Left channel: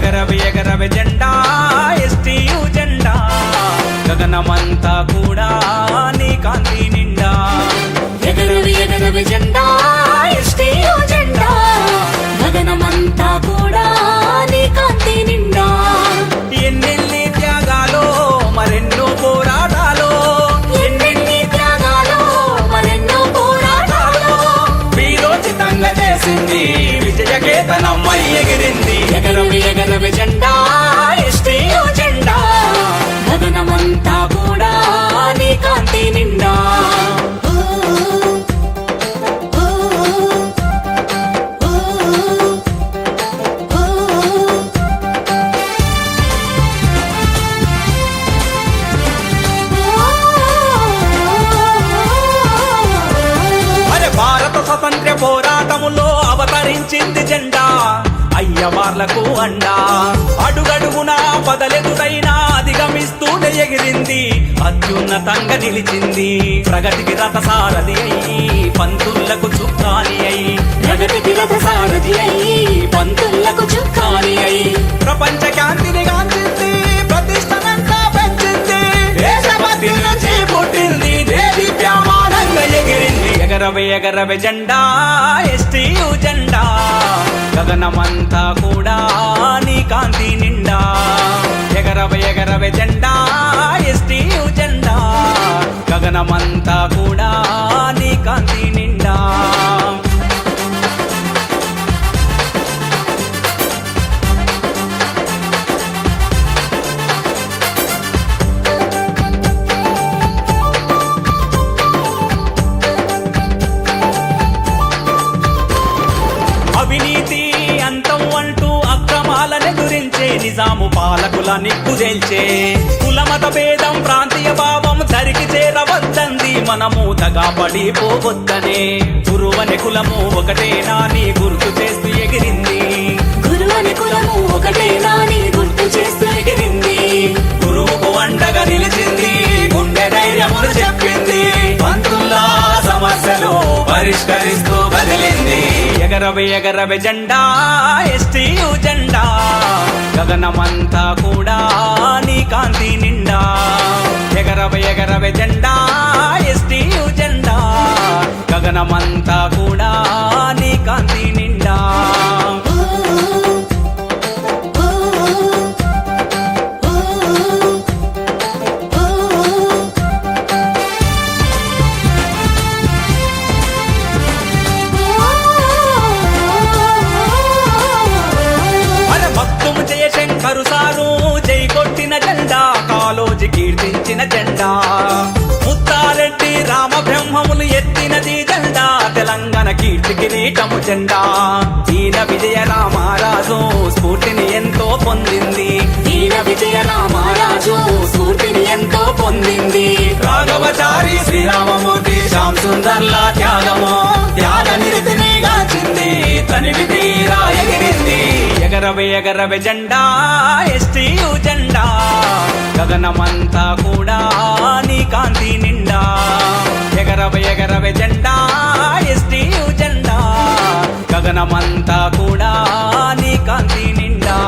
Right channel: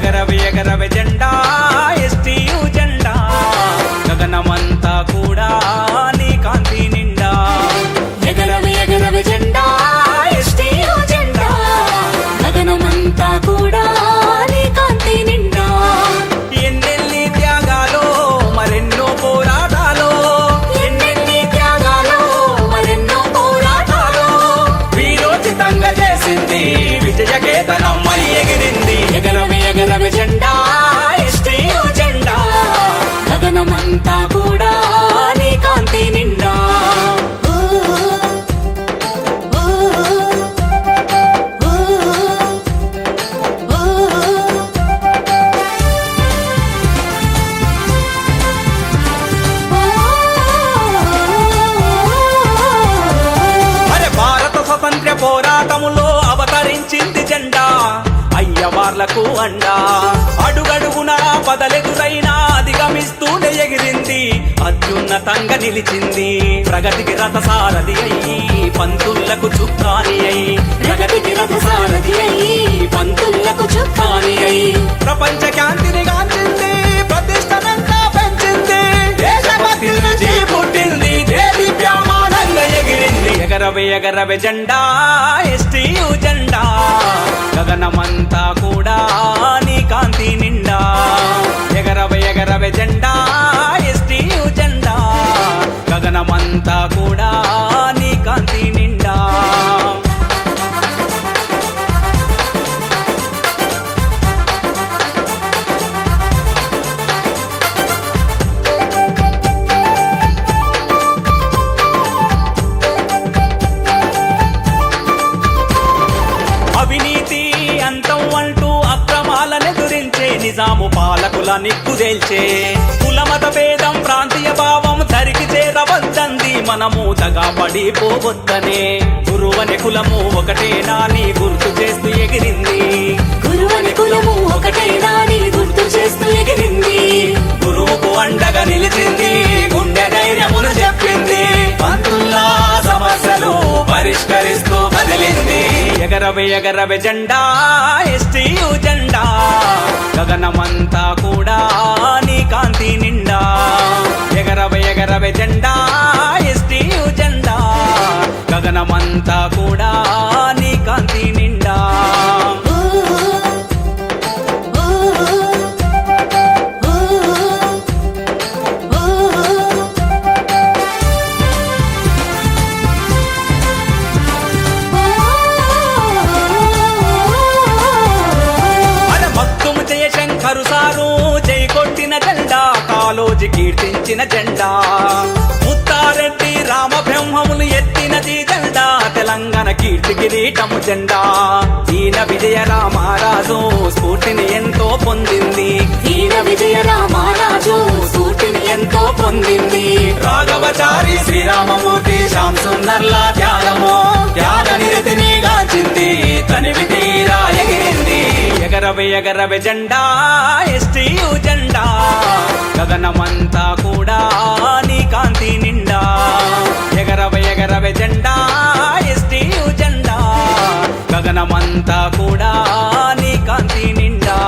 ఎగరవే ఎగరవే జెండా ఎస్టీయు జెండా గగనమంతా కూడా నీ కాంతి నిండా ఎగరవే ఎగరవే జెండా ఎస్టీయు జెండా గగనమంతా కూడా నీ కాంతి నిండా ఎన్నెన్ని త్యాగాలో మరెన్నో పోరాటాలో ఎన్నెన్ని త్యాగాలో మరెన్నో పోరాటాలో వీరోచితంగా చేసింది విజయకేతనమ్మై ఎగిరింది ఎగరవే ఎగరవే జెండా ఎస్టీయు జెండా గగనమంతా కూడా నీ కాంతి నిండా భారత స్వతంత్ర పోరాటములో అవతరించింది జెండా అయ్యవార్లకు అండా అడుగడుగునా పదలెదురైనా అధిగమిస్తూనే ఎగిరింది అత్యున్నతంగా నిలిచింది ప్రగతికి రథసారథి అయ్యి పంతులకు చుక్కాని అయి ప్రగతికి రథసారథి అయ్యి పంతులకు చుక్కాని అయి ప్రపంచ కాంతిని గాంచింది ప్రతిష్టనంతా పెంచింది దేశభక్తి నుంచి పుట్టింది దేదీప్యమానంగా ఎగిరింది ఎగరవే ఎగరవే జెండా ఎస్టీయు జెండా గగనమంతా కూడా నీ కాంతి నిండా ఎగరవే ఎగరవే జెండా ఎస్టీయు జెండా గగనమంతా కూడా నీ కాంతి నిండా అవినీతి అంతం అంటూ అక్రమాలనెదురించే నిజాము పాలకుల నిగ్గుదేల్చే కులమత భేదం ప్రాంతీయ భావం ధరికి చేరవద్దంది మనము దగా పడిపోవద్దనే గురువని కులము ఒకటేనా నీ గుర్తు చేస్తూ ఎగిరింది గురువని కులము ఒకటేనా నీ గుర్తు చేస్తూ ఎగిరింది గురువుకు అండగా నిలిచింది గుండె ధైర్యమును చెప్పింది పంతుల్లా సమస్యలు పరిష్కరిస్తూ కదిలింది ఎగరవే ఎగరవే జెండా ఎస్టీయు జెండా గగనమంతా కూడా నీ కాంతి నిండా ఎగరవే ఎగరవే జెండా ఎస్టీయు జెండా గగనమంతా కూడా నీ కాంతి నిండా మగ్దుము జయశంకరు సారు జై కొట్టిన జెండా కాలోజీ కీర్తించిన జెండా ముత్తారెడ్డి రామబ్రహ్మములు ఎత్తినది జెండా తెలంగాణ కీర్తి కిరీటము జెండా ఈయన విజయ రామరాజు స్ఫూర్తిని ఎంతో పొందింది ఈయన విజయ రామరాజు స్ఫూర్తిని ఎంతో పొందింది రాఘవచారి శ్రీరామమూర్తి శ్యామ్ సుందర్ల త్యాగము త్యాగ నిరతిని గాంచింది తనివి తీరా ఎగిరింది ఎగరవే ఎగరవే జెండా ఎస్టీయు జెండా గగనమంతా కూడా నీ కాంతి నిండా ఎగరవే ఎగరవే జెండా ఎస్టీయు జెండా గగనమంతా కూడా నీ కాంతి నిండా